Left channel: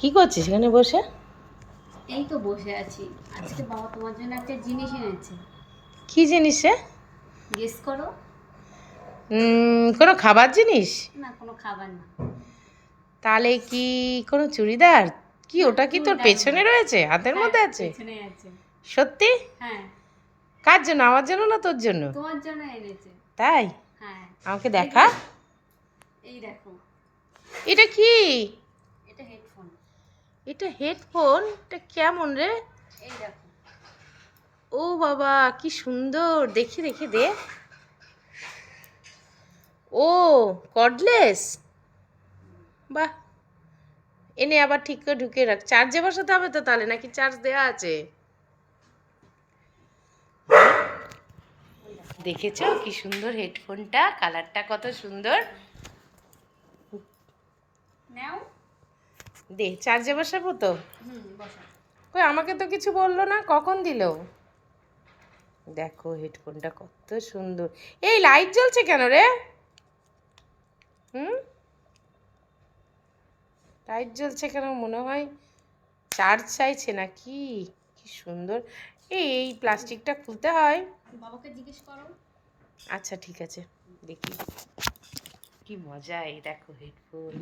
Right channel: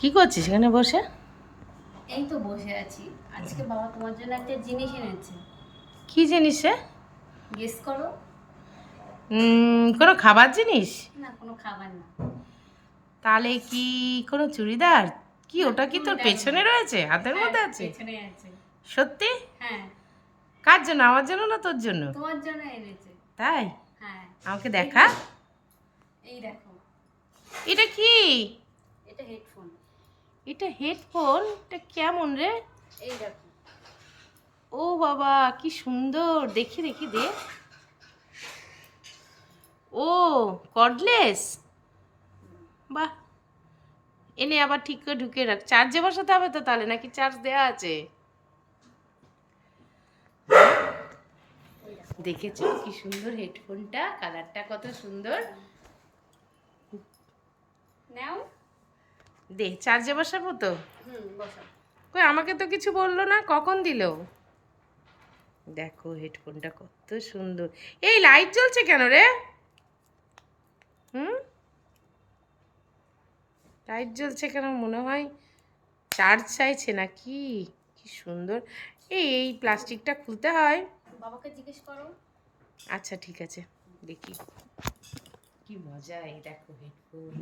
কি করছিস এখানে বসে? এই তো বসে আছি। আজকে বাবা তোমার জন্য একটা জিনিস এনেছে। কি জিনিস রে? গেস করো। কোনো খাবার জিনিস? না, কোনো খাবার না। তাহলে কি কোনো চুড়িদার? কি না, ওটা কি তোর চুড়িদার পেছনে নয়। রয়েছে, হাতের হ্যাঁ, মধ্যে আছে? পেছনে আছে। সত্যি? হ্যাঁ, কার জন্য, আমার জন্য না তোর জন্য? তোমার জন্য এনেছে। তাই? হ্যাঁ। আমাকে এই দেখা। দেখো, এই দেখো। এটা কি? এটা হেডফোন। এটা হেডফোন? এটা কেমন রে? এই দেখো। ও বাবা, কি সুন্দর! দেখি দেখি দে। ও, কর্ডলেস। বাহ, এনে আবার ঠিক করে ঢুকে রাখ। চার্জে বসাতে হবে তো তাহলে, নাকি চার্জ দেওয়া আছে? দেখেছো কি সুন্দর হেডফোনটা, কালারটা কত সুন্দর। নাও। দে, চার্জে বসাবো তো। বসা। কই, আমাকে তো কিছু বললো না, কখন দিলো? দেখো হেডফোনটা কত সুন্দর। এই লাইট জ্বলছে কেন রে? হুম, লাইট জ্বলছে কেন? মনে হয় চার্জ চাইছে নাকি? কি সুন্দর। এই প্লাস্টিকটা খুলতে হয়। বাবাকে জিজ্ঞেস করো। আচ্ছা ঠিক আছে, দেখি। কি মজা! এই দেখো হেডফোন।